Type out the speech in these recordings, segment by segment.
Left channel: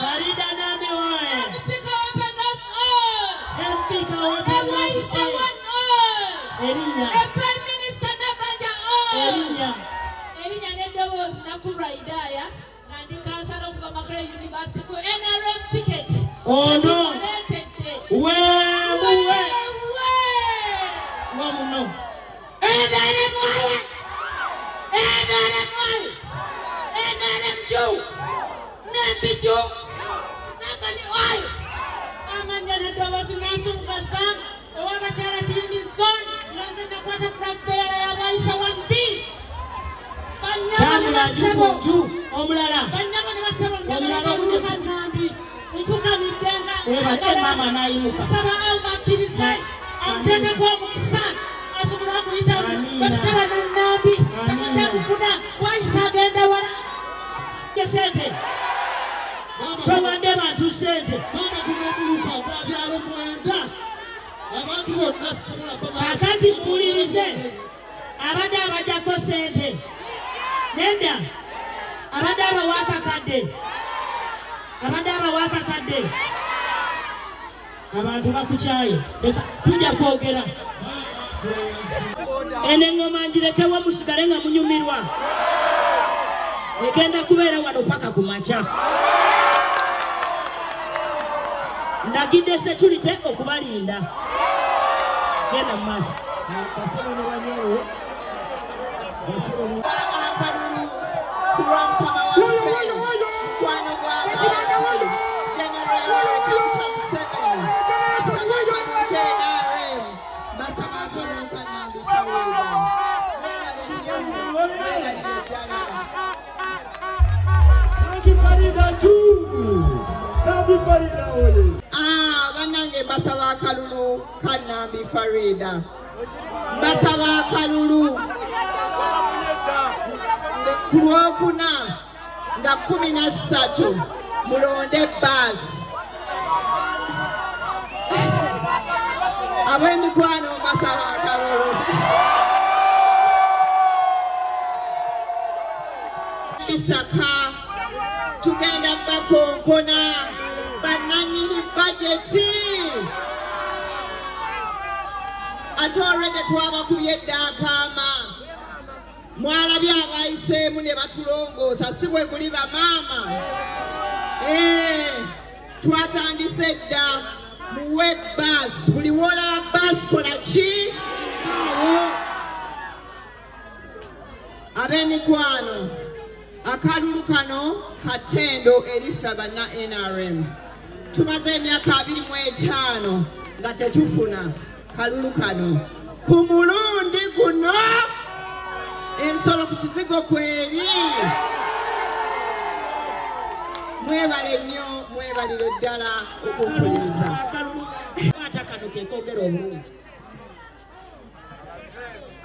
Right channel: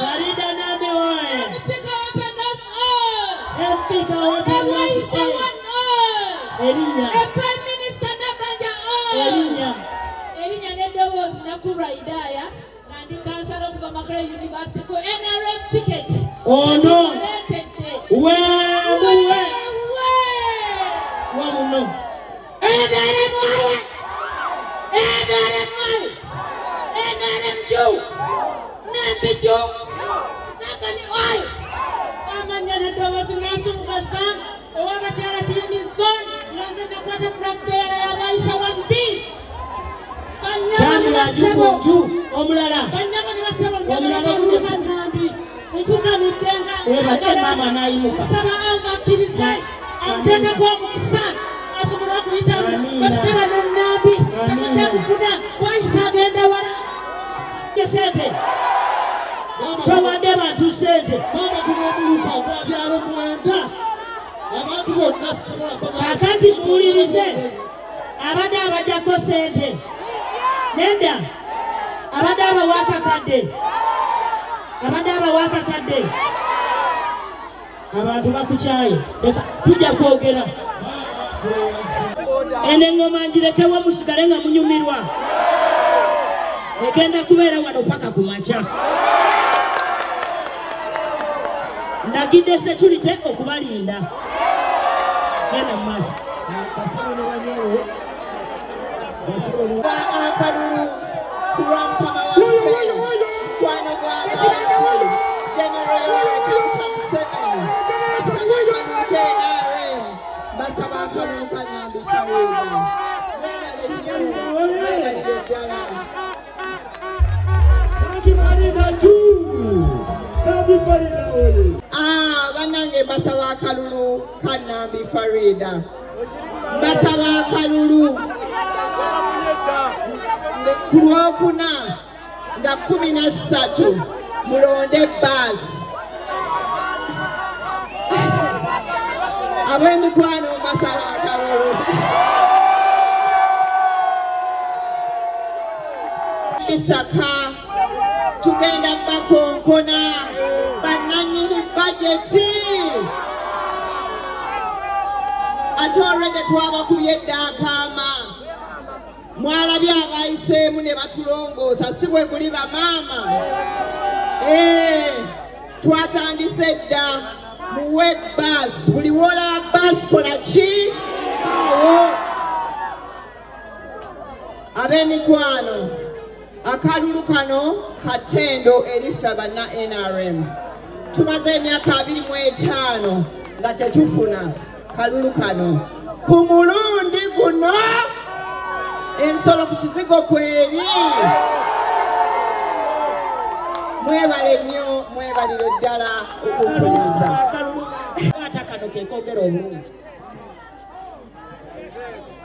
Farida Nabi oye. Empika open us Elinya. Prime Minister Nabanja Elinya. Elinya Nedowos Nakura Idaya and the Council of Makara University ko NRM ticket. Oh no. Where? One no. NRM Jew. Nambi Jew. Sakani oil. Amanya Nedowos Nasumgasa. Owa Chala Chini Zone. Nanzenda kwata from Bela ya Raisa 1B. Banyama ni wasebo. Omulala. Banyama ni wasebo. Omulala kunuka Nambi. Mfuka mitenga. Mama na imuka. Saba alva kirize. Antende kwa mkisa. Asumura kuita. Bakitewa na Nambi. Nambi kufuna. Kwa isa agenda wala. Kesete. Tawade bantu sente. Mama kumebuluka kwa byalo mwenda. Kakati mpulirize abadde abajjako sente nedda abadde abawakakadde abantu bakukyaye leka tujja kwogera ene ngoma ngirekewo musigale nga munyumirwa egenda kubeera wano paka ku makya ndagidde security okubalinda genda mmaso akalulu kulwa mukama waffe mukwano gw'abantu NRM basaba akalulu Kanambi Farida banange basaba akalulu Kanambi Farida basaba akalulu ku Lwokuna nga 13 mulonde basi ab'emikwano basaba akalulu Isaka tugenda bakonkona bananyini bajeti atorede twabakubye eddakama mwalabye abayiseemu ne batulongoosa si bwe kuli bamaama twatandise dda muwe basi buli woolaba basi kola ki ab'emikwano akalulu kano katendo eriffe banna NRM tumaze emyaka 25 nga tetufuna kalulu kano ku mulundi guno ensolo ku kizigo kweri mwebale nnyo mwebalire ddala okumpuliriza ate kano kekogera obulungi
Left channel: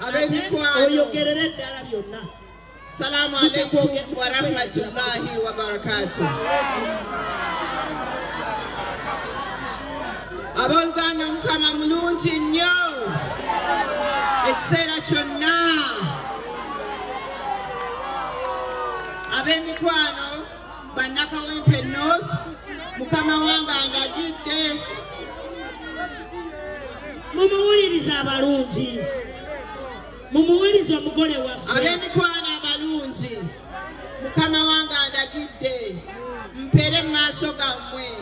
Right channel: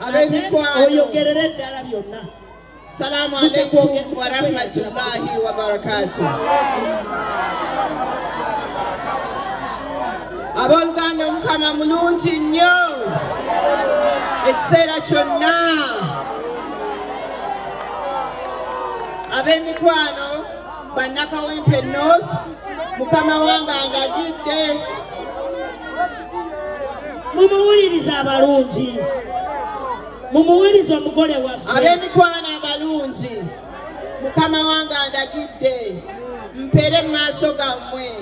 ab'emikwano oyogerere ddala byonna. Salamu alaikum wa rahmatullahi wa barakatuh. Abooluganda Mukama mulungi nnyo ekiseera kyonna. Ab'emikwano bannakawempe North Mukama wange andagidde mumuwuliriza abalungi mumuwuliriza omugole waffe ab'emikwano abalungi Mukama wange andagidde mpere mu maaso gammwe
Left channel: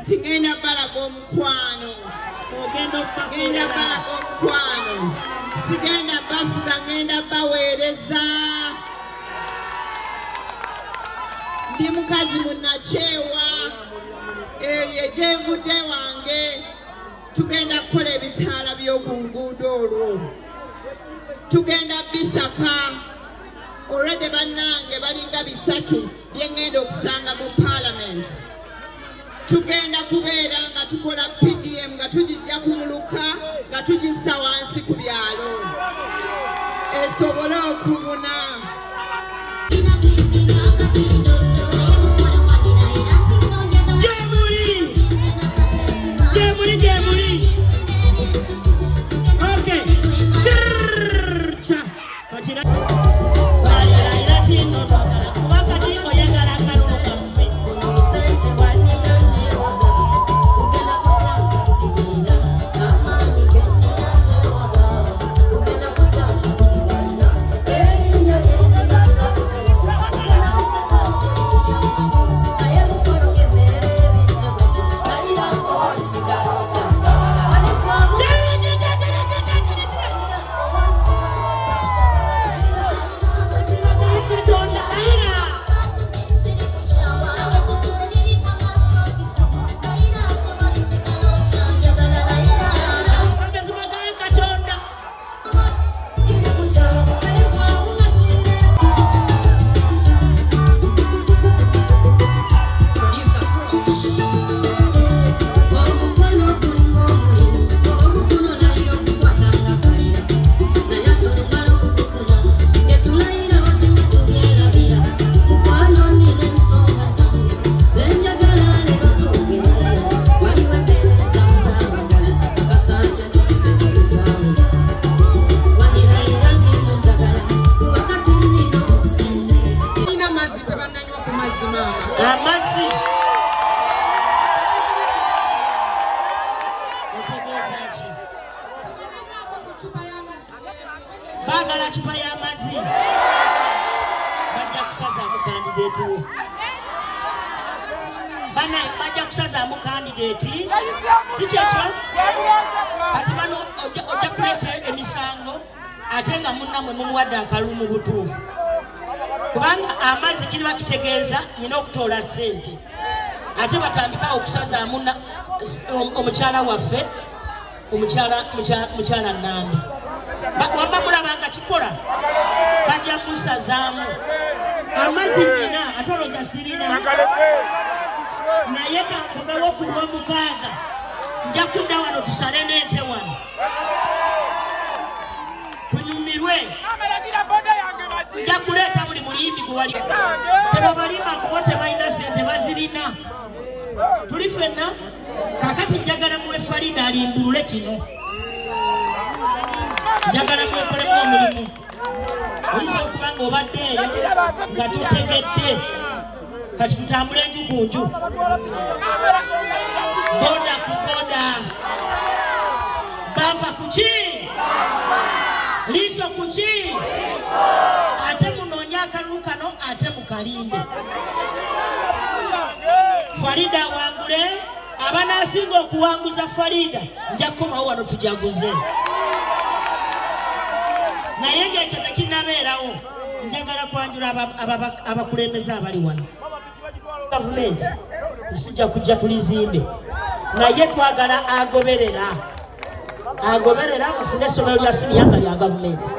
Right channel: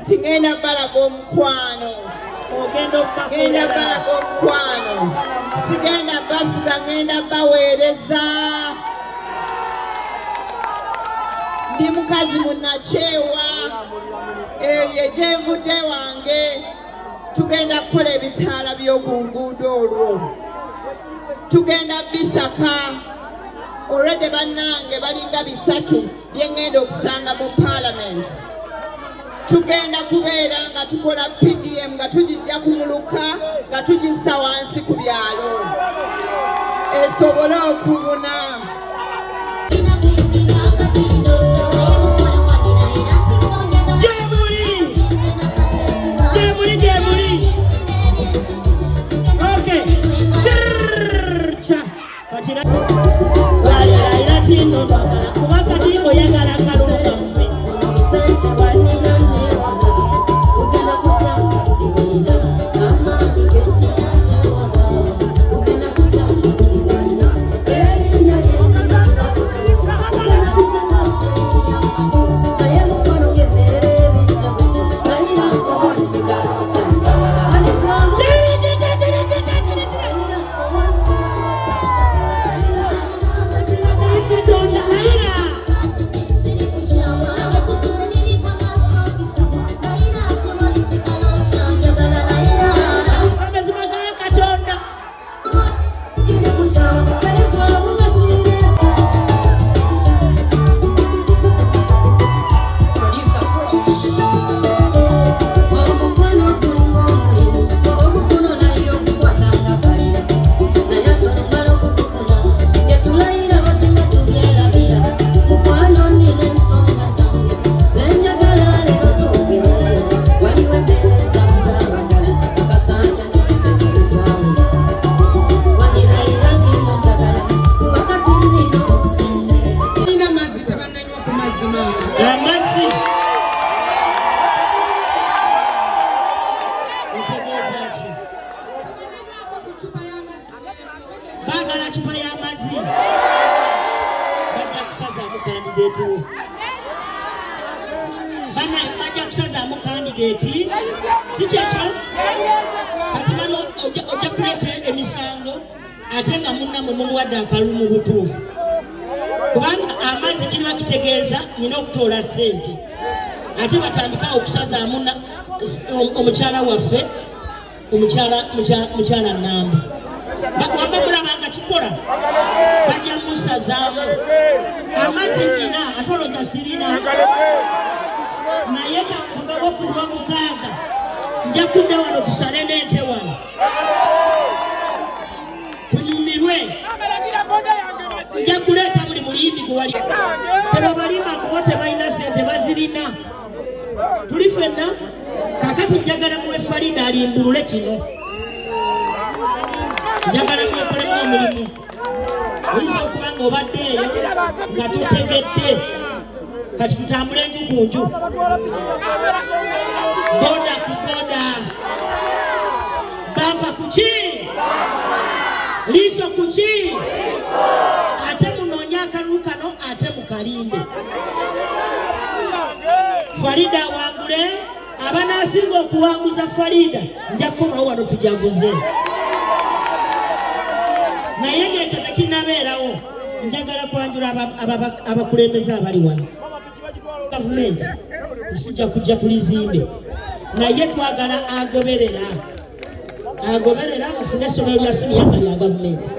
nti ngenda balaga omukwano ngenda balaga omukwano sigenda bafuga ngenda baweereza ndi mukazi munakyewa eyo gyenvudde wange tugenda kukola ebitaala by'oku nguudo olwo tugenda bisaka olwedde bannange balinga 3 byengenda okusanga mu parliament tugenda kubeera nga tukola PDM nga tugijja kumuluka nga tugissa wansi ku byalo esobole okubuna kira walira ira tino twagala kubaka tino yagala kalulu kaffe usente wanina newaga ugenda kutanga sibonida amani genda newaga ugenda kutanga sibonida erinyo ugenda kutanga naye mukono gemerere ebisogo nalina omulisigalo kyanga bagala chupa ya mazi bajja kusaza mu candidate we bana bajja kusaza mu candidate si kyekyo kati bano ojja kuleta emisango ate nga munnammwe mumuwadde akalulu mu butuufu kubanga amazzi kiba kitegeeza nyina okutoola ssente ate batandika okusazaamu omukyala waffe mukyala Nambi wamma mulabanga kikola bajja musazaamu amazzi nina atoloza sirina naye kakubawo kulwa mukaaga nja kudda wano tusale n'ente wano tunyumirwe nja kuleeta buli muyimbi gwe wali tebabalimba kubo tebalina sente bazirina tuli ffenna kakati njagala muwe Farida alimbulule kino njagala mwekolemu omulimu oyinza okuba nga obaddeeyo nga tutegedde kati tutambule enju ku nju boda ku boda bampa ku ki liiso ku ki ate munoonya akalulu kano ate mukalinde Farida awangule abanaasinga okuwanguza Farida nja kukomawo wano tujaguze naye ng'ekyo tekinabeerawo njagala kwanjula abakulembeze abali wano gavumenti tujja kujja tulizimbe naye twagala agoberera mufune essomero lya siniya nga lya gavumenti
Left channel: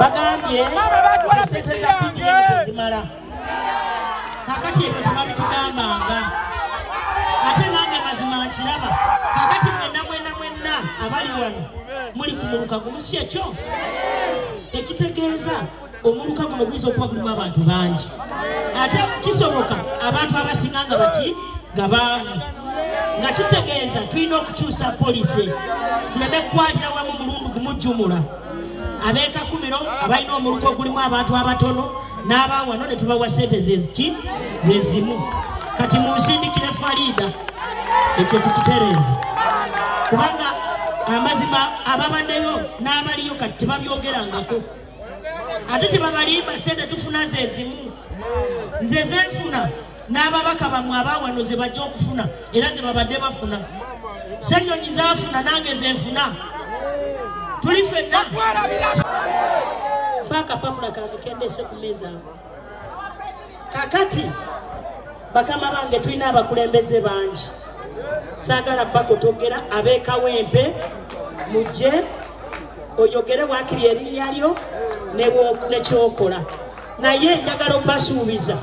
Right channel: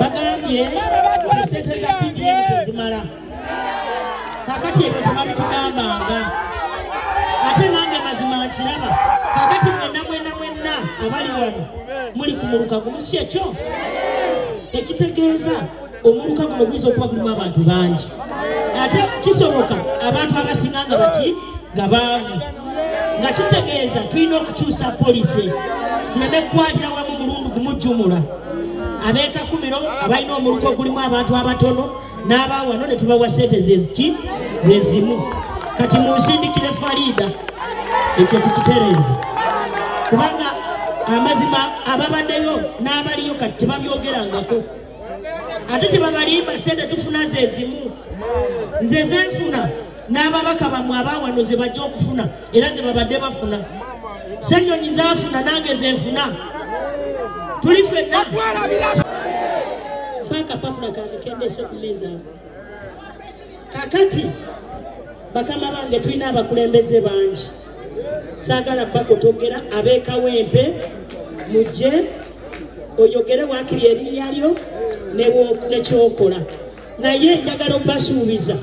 bagambye esente za PDM tezimala kakati ebyo tebabitugambanga ate nange mazima nkiraba kakati mwenna abali wano muli ku muluka gumu si ekyo ekitegeeza omuluka guno guyinza okuba gulimu abantu bangi ate kisoboka abantu abasinga nga baki nga baavu nga kitegeeza tulina okukyusa polisi tuleme kukwatira wamu mulundu gumujjumula abeekakumiro abalina omuluka ogulimu abantu abatono n'abawano ne tubawa sente zezimu kati munsindikire Farida ekyo tukitereeze kubanga amazima ababaddeyo n'abaliyo kati tebabyogerangako ate tebabalimba sente tufuna zezimu nze zenfuna n'ababaka bamwe abawano ze bajja okufuna era ze babadde bafuna Ssenyonyi zaafuna nange zenfuna tuli ffenna mpaka papula kange kendese ku meeza kakati bakama bange tulina abakulembeze bangi saagala bakotogera abeekawempe mujje oyogere waakiri erinnya lyo nekyokola naye njagala okubasuubiza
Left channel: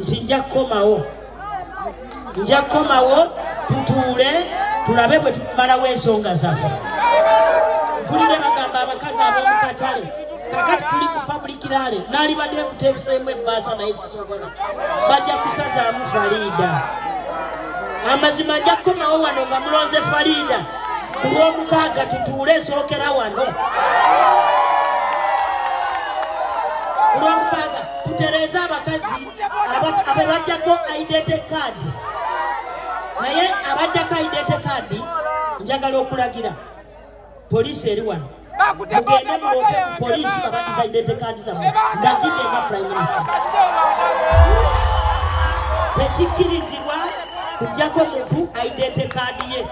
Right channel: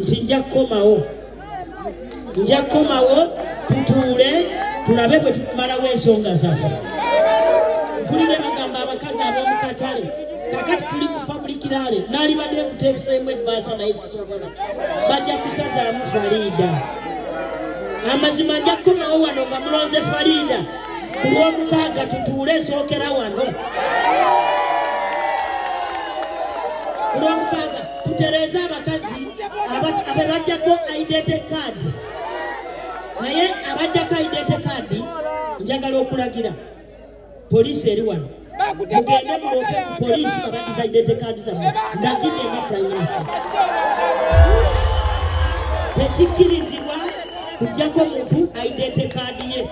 nti nja kukomawo tutuule tulabe bwe tumalawo ensonga zaffe tulina bagamba abakazi ab'omukatale kakati tuli ku public rally naalibadde kuteeseemu ebbaasa naye sisobola bajja kusazaamu Farida amazima nja kukomawo wano nga mulonze Farida ku lw'omukaaga tutuule esookera wano mutereza abakazi abajjako identity card naye abajjako identity card njagala okulagira poliisi eri wano mugende muloope ku poliisi babadiza identity card zammwe ndagidde nga prime minister tekikkirizibwa kujjako muntu identity card ye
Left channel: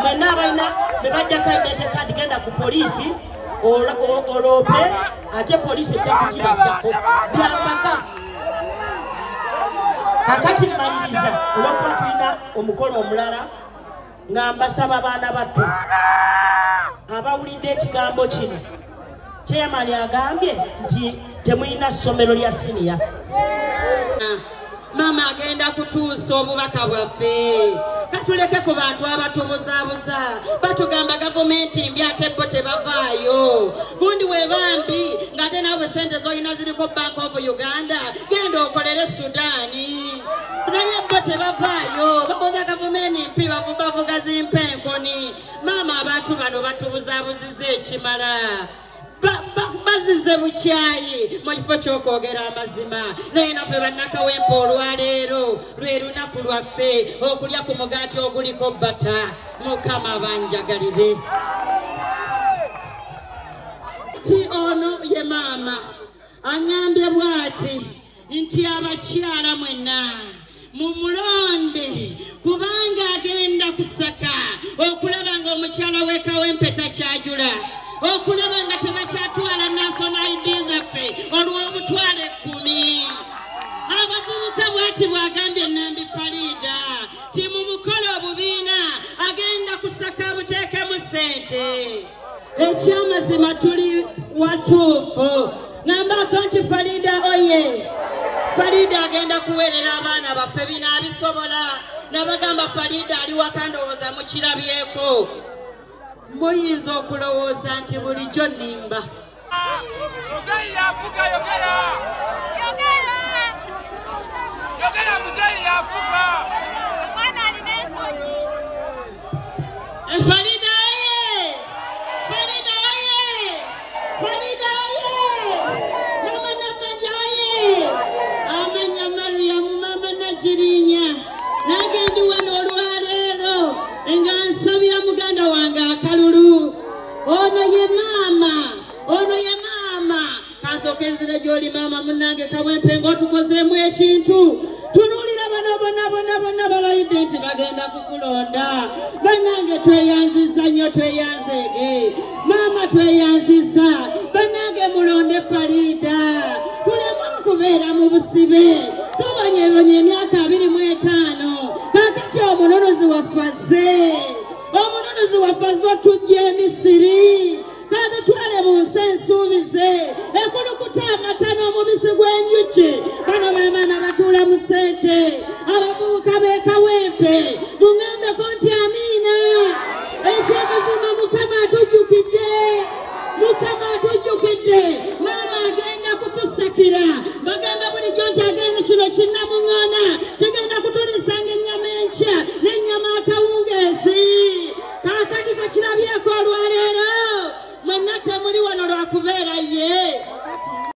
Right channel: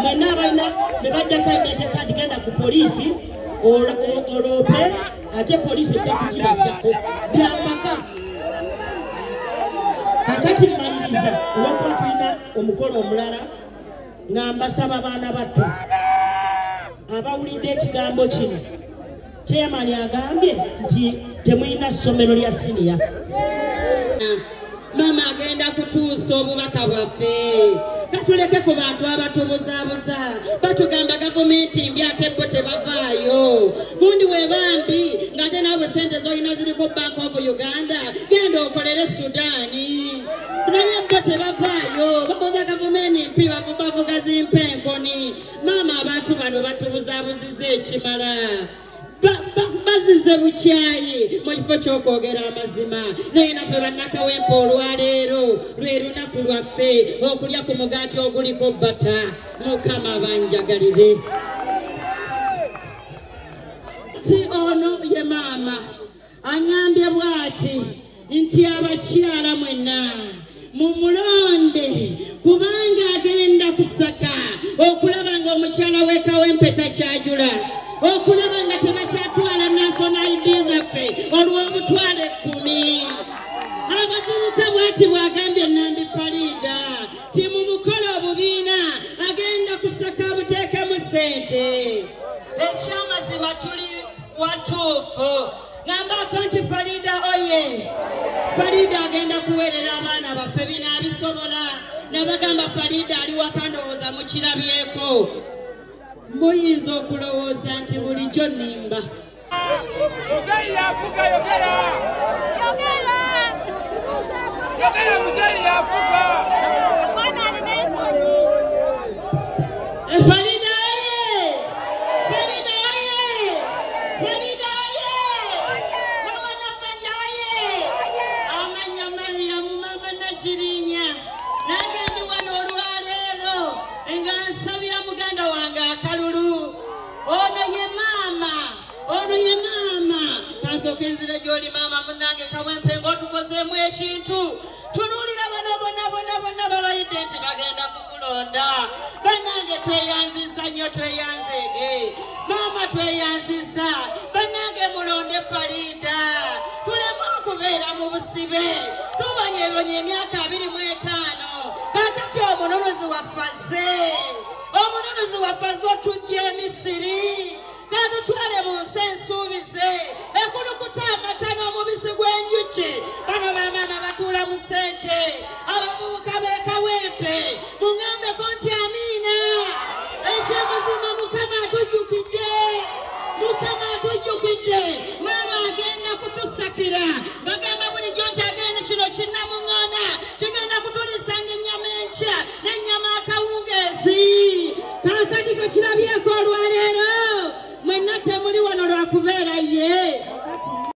mwena abalina ne bajjako identity card genda ku poliisi oloope ate poliisi ejja kukibajjako byamaka kakati mmaliriza olwokuba tulina omukolo omulala nga mbasaba abaana battu abawulidde ekigambo kino chairman agambye nti temulina ssomero lya siniya mama agenda kutuusa obubaka bwaffe katuleke ku bantu abatubuzaabuza batugamba gavumenti mbi ate bo tebavaayo gundi webambi ng'ate naawe sente z'olina ziriko Bank of Uganda genda okolere Sudaani naye bo tebavaayo babuza gavumenti mpi bavuga zimpenkoni mama abantu bano batubuzaabuzizza ekimala bazize bukyayi mu kifo ky'okwogera amazima naye naffe bannakawempe olwaleero lwe lunaku lwaffe okulya ku mugaati oguliko bata mukama banjagalire ti ono ye maama anyambye bw'ati nti abakyala mwenna mumulonde kubanga agenda kusaka okulaba nga omukyala w'ekawempe takyajula okulaba nga tebakyatwala national ID zaffe olw'obutwale 10 abavubuka bwati bwagambye Nambi Farida ti mu mukolo obubiina agenda kusaka buteekemu ssente ekyamazima tuli watuufu ngambako nti Farida oye Farida agenda kuweerera abaana baffe binaabisobola nabagamba Farida ali waka ndowooza mukirabyeko muyinza okulowooza nti bulijjo nnimba Farida oye! Farida oye! Farida oye! Mama Namanja oye! Amanya Mariam mama Najirinya nagendi wano olwaleero nga nsabira muganda wange akalulu ono ye maama kansooka enzira gy'oli maama munnange Kawempe ng'otukozeemu ekintu tunuulira bonna balayidde nti bagenda kukulonda bannange tweyanziza nnyo tweyanzeege maama tweyanziza bannange mulonde Farida tuleme okubeera mu busibe tubonyeebonye emyaka 25 kakati omunonozi waffe tujja Emisiri katutwale mu nsi ensuubize ekulukuta amata n'omubisi gw'enjuki bano baamaana batuula mu ssente abavubuka b'e Kawempe mungambeko nti amiina ekyamazima mukama atujjukidde maama agenda kutusakira bagamba bulijjo nti agenda kino kinnamuŋŋana